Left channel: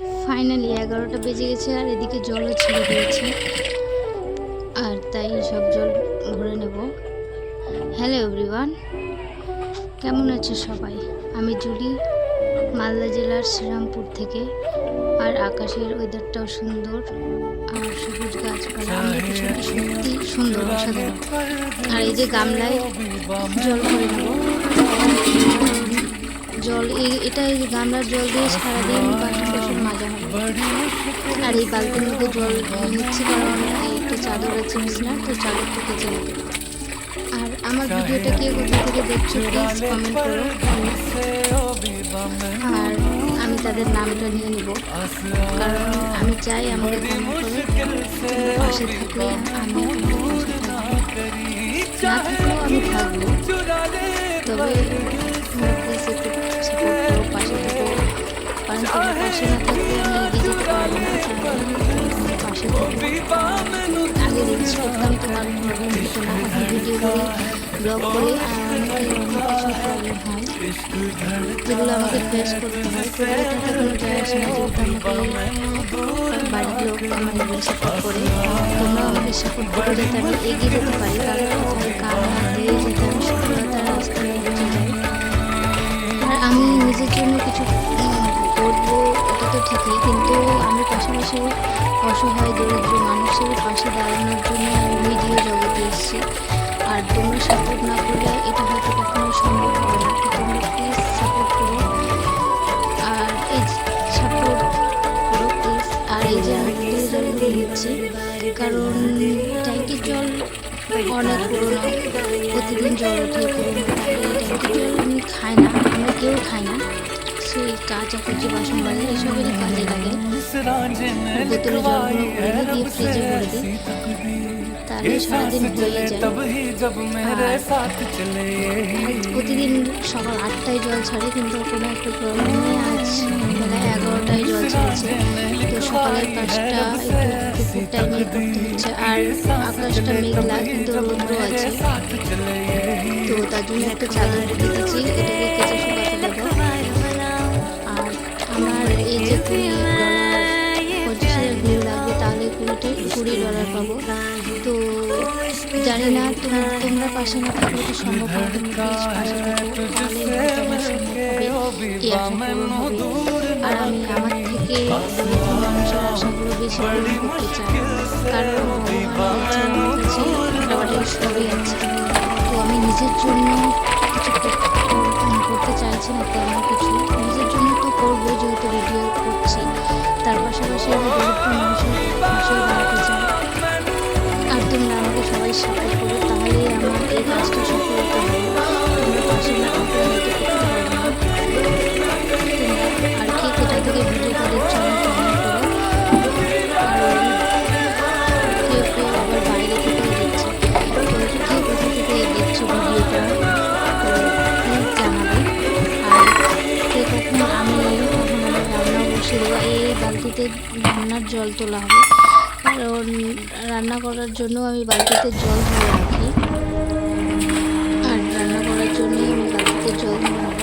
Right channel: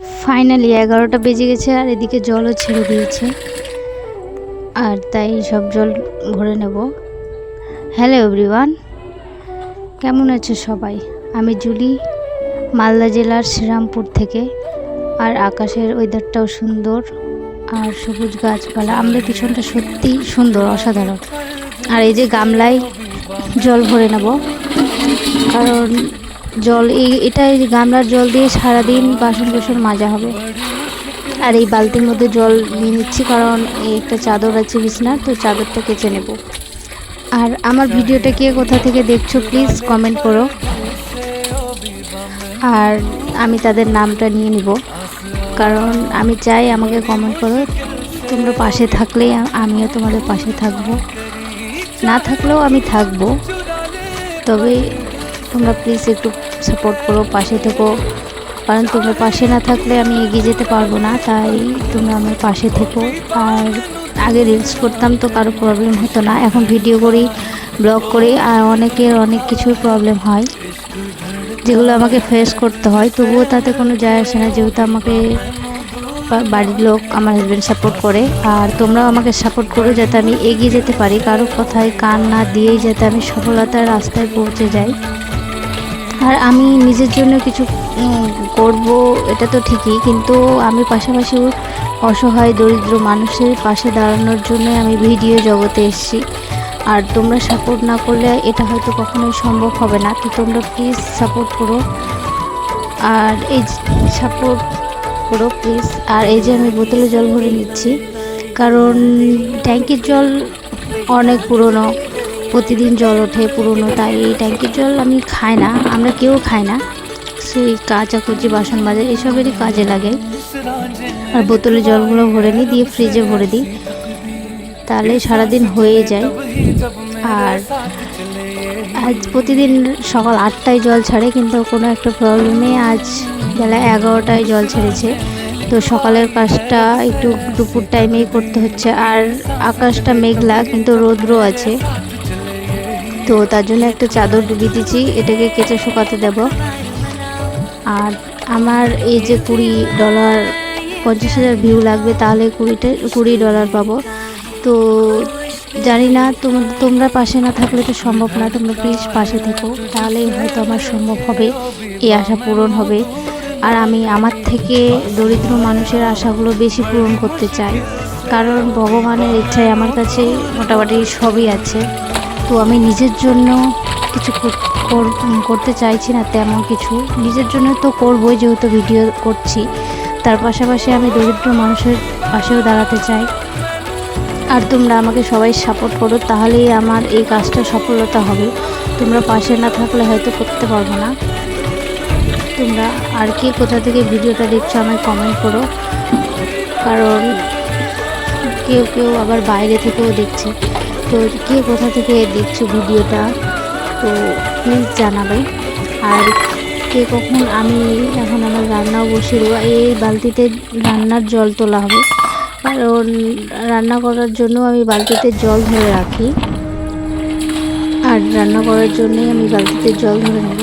Finally 11টা বেজে গেছে আর এদিকে জলও ছেড়ে দিয়েছে, আর তাই সব জল ভরে নেব। হ্যালো এভরিওয়ান, কেমন আছে সবাই? আমি জুলি, মালদা জেলার শ্রীরামপুর থেকে। আর আকাশের ওয়েদারটাও সুন্দর, আর সবুজ গাছপালা, আমাদের পিছনটা সত্যি সুন্দর, অসাধারণ। আর এই যে গামলায় জল ভরে নেব, কারণ জল এই গামলার জল দিয়ে সারাদিন বাসন টাসন মাজা হবে। আর এই বালতির মধ্যে জল নিয়ে নিচ্ছি, কারণ এই একটা চাদর আছে বিছনা, তো চাদরটা কেচে নেব। আর আমার ভিডিওটা কে কোথা থেকে দেখছো প্লিজ কমেন্ট করো, আর আমি তাদের নামটা নিয়ে নিব, কারণ আমি চাই আমাকে কমেন্ট করো। তোমরা পাশে থাকলে আমিও তোমাদের পাশে থাকবো, না থাকলেও আমি থাকবো, তবে তোমরা প্লিজ একটু সাপোর্ট করো, পাশে থেকো, কারণ তোমরা পাশে না থাকলে আমি এগিয়ে যেতে পারবো না। তাই তোমরা আমার পাশে থেকো। আর আগে রিলস করতাম তো কারো প্রবলেম হতো না, এখন ভিডিও করি, ব্লগ করি, আর অনেকের অনেক কিছু প্রবলেম হয় যেগুলো আমাকে ফেস করতে হয়, তবুও তাতে কোনো যায় আসে না, যেহেতু আমাকে বাড়ির লোক আমার হাজব্যান্ড সাপোর্ট করে। আর তোমরাও আমাকে সাপোর্ট করো যাতে আমি এগিয়ে যেতে পারি, কারো কথায় কান না দিয়েই যাতে আমি সফলতার রাস্তায় পৌঁছে যাই। আর আমি নিজের জন্য কিছু করব, এটা তো ঠিকই, কিন্তু আমি পাশাপাশি অসহায় দরিদ্র মানুষের পাশে দাঁড়ানোর জন্য আমি ভিডিও জগতে এসেছি। আর তোমরা সাপোর্ট না করলে এটা হয়তো কখনোই সম্ভব হবে না, তো তোমরা প্লিজ সাপোর্ট করো, আর এই সাপোর্ট করো প্লিজ। আর এই যে আমি বোতলে জল ভরে নিচ্ছি, কারণ ট্যাঙ্কির জল অনেক পুরনো, প্রতিদিন জল ওঠে পুরনো, তাই এই ট্যাঙ্কির জল আমি খাই না, আমরা কেউ খাই না, সেই কাচাকুচি বাসন মাজা এসবেরই কাজে লাগে। আর বোতলে জলগুলো ভরে নিই, দিয়ে ফ্রিজে ভরে দিই, তাহলে সারাদিন হয়ে যায়। আর আজ প্রতিদিন সকাল 8টায় জল ছাড়ে, কিন্তু কোনো একটা প্রবলেমে আজ বেলা 11টায় জল ছেড়েছে, তো সকালের কাজটা একটু দুপুর টাইমেই করতে হচ্ছে। আর আকাশটা মেঘলা, কিন্তু রৌদ্র আছে, তো তার জন্য একটা চাদর দিয়ে দিচ্ছি, এটাকে কেচে শুকাতে দেব। আর আমার এই যে $20 $50,000 ভিউ লাগবে, তাহলে $20 পাবো। তো জানি না, তোমরা পাশে না থাকলে তো সম্ভব না, তোমরা প্লিজ পাশে থেকো, তাহলেই হয়তো আমার সম্ভব হবে, এই আশা পূরণ হবে। আর আমি আমার থেকে দরিদ্র মানুষের আশাগুলো বেশি পূরণ করতে চাই, কারণ ভগবানের ইচ্ছায় আমার কাছে মোটামুটি সবই আছে। তো আমি নিজের জন্য কিছু করতে চাইছি না তেমন কিছু, নিজের জন্য তো করবোই যেহেতু ভিডিও করছি, তার পাশাপাশি আমি দরিদ্র মানুষের পাশেও দাঁড়াতে চাই। আর তোমরা আমাকে সবাই সাপোর্ট করো, তাহলেই আমার এই কাজটা সফলতা হবে, তোমরা পাশে না থাকলে হয়তো করতে পারবো না। তোমরা আর কে কোথা থেকে ভিডিওটা দেখছো আমায় কমেন্ট করো, কারণ কেউ কেউ আবার বাইরে থেকেও দেখছে, তো কে কোথা থেকে দেখছো ভিডিওটা তো প্লিজ জানাবে। আর কে কখন আমি এখন আমার রান্নাও বসিয়ে দেবো, এই বালতিতে রান্নার জল তোলা হবে, কারণ রান্না করার জন্য আমি বালতিতে জল ধরে রাখি, আর রান্না করার জন্যই আমি বালতিতে জল ধরে নেব।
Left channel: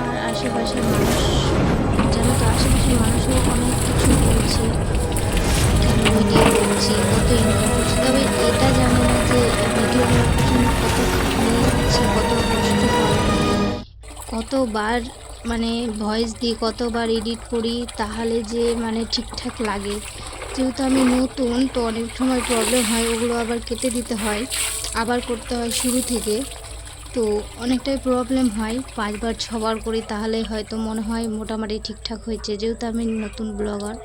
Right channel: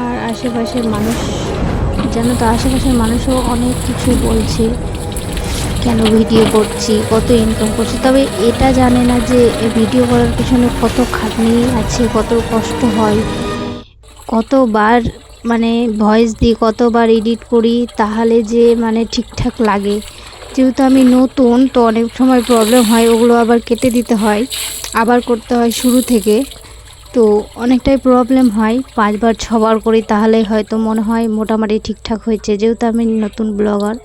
আর আশেপাশের মানুষ, জানো তো, আশেপাশের মানুষও অনেক কিছু বলছে, কেন ভিডিও করছি, কত ইনকাম করছি, তবে এটা জানে না যে ভিডিও করার পিছনে কত খাটনি আছে, কত কষ্ট হয়, কতবার মানে ভয়েস দিই, কতবার এডিট করি, তাহলে যে মানে ঠিকঠাক লাগে। যেহেতু আমি নতুন, তো অনেক সময় প্রবলেম হয়, ওগুলো আবার কেটে দিতে হয়, আবার করতে হয় শুরু থেকে, তো অনেকটাই প্রবলেম হয়। 5বার 6বার করি, তাহলে হয়তো মনে হয় মোটামুটি ঠিকঠাক হয়েছে, যেহেতু আমি নতুন ব্লগার,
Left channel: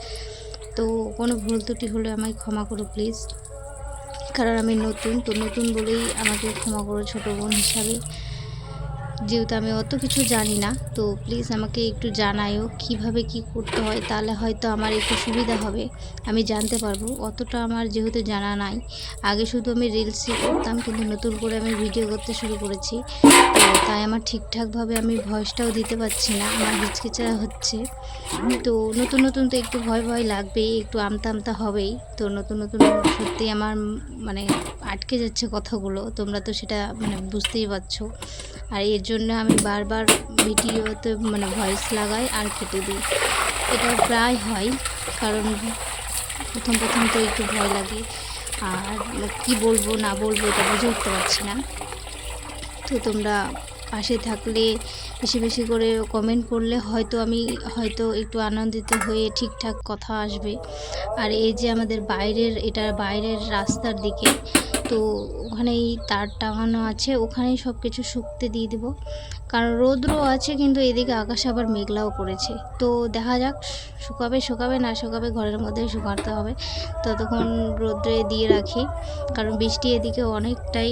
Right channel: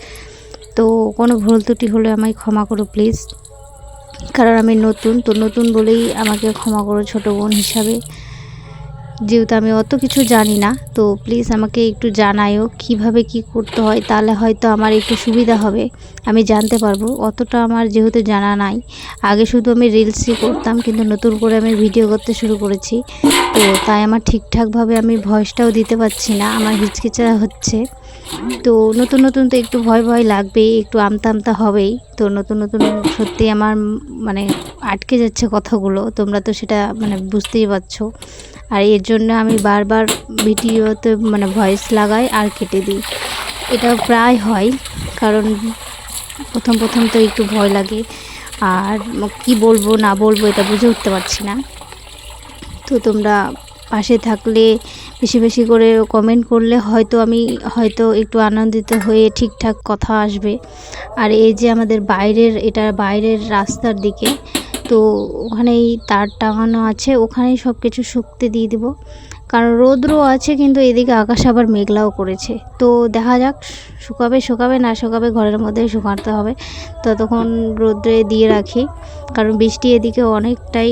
তো কোনো ভুল ত্রুটি হলে আমায় ক্ষমা করো প্লিজ, কারণ আমি নতুন, তো নতুন বলেই আমাকে ক্ষমা করো ছোটো বোন হিসাবে, যেহেতু আমি অত কিছু জানি না, তো প্লিজ আমাকে একটু জানাইও কিভাবে কি করতে হয়, তাহলে হয়তো আমার একটু সুবিধা হবে, আমি জানতে পারবো। অতটা আমার যেহেতু জানা নাই, আগে শুধু আমি রিলসই করতাম, কিন্তু নতুন করে আমি ভিডিও করতে শুরু করেছি, তো তাই আমার ঠিকঠাকভাবে আমি ভয়েসটাও দিতে পারছি না, আমার হিচকিচা হচ্ছে। তো নতুন নতুন তো একটু ভয় ভয় লাগবেই, একটু আমতা আমতা হবেই, তো নতুন নতুন সত্যি আমার মানে আটকে যাচ্ছে কথাগুলো, তোমরা তো সেটা মানে বুঝতেই পারছো। আর এর জন্য আমি বারবার ভিডিওতে মানে ভয়েস লাগাই আর কেটে দিই, এটা প্রায় হয়, কারণ প্রথম প্রথম তো একটু ভয় লাগে, আর কি বলবো না বলবো এটা বুঝে উঠতে পারছি না। তো তোমরা পাশে থাকলে, বেশি বেশি করে কমেন্ট করলে হয়তো একটু আনন্দিত হয়ে ঠিকঠাক কথা আসবে। আর এই যে আমাদের এটা বাইরের রাস্তার দিকে, তো ওখানেই তার টাঙানো আছে, ওখানেই সব কিছু শুকতে দিয়ে দেবো। কারণ রৌদ্র আছে, কিন্তু এদিকে আকাশ আবার মেঘলাও করেছে। তো দেখা যাক, শুকাবে না শুকাবে, ঘরের মধ্যেই শুকাতে হবে। ততক্ষণ রোদ্রে দিয়ে রাখি, কারণ বৃষ্টি এদিকে অনেকটাই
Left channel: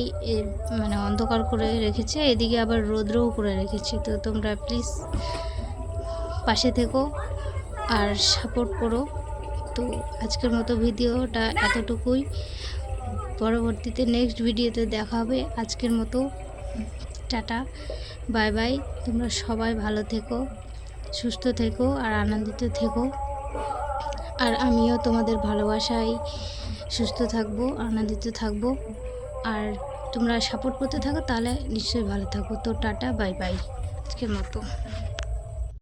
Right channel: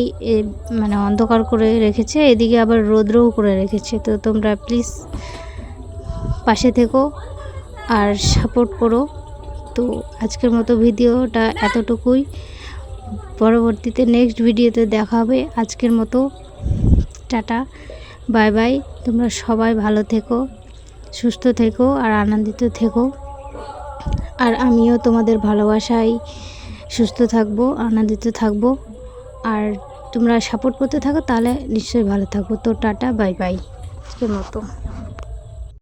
মানে অন্ধকার করে রেখেছে, এদিকে আবার রৌদ্রও করে রেখেছে। তো তোমরা প্লিজ পাশে থেকো আর সাপোর্ট করো। তো আজকের মতো ভিডিওটা এতটুকুই, পরবর্তীতে নেক্সট ভিডিওতে দেখা হবে। আজকের মতো টাটা, বাই বাই। তোমরা সবাই ভালো থেকো, সুস্থ থেকো আর আনন্দিত থেকো। আর আমিও তোমাদের ভালোবাসায় সুস্থ থাকবো, আনন্দিত থাকবো। আর তোমরা সাপোর্ট করতে থাকো, তাহলে নিশ্চয়ই ভালো থাকবো। তো টাটা, বাই বাই আজকের মতো।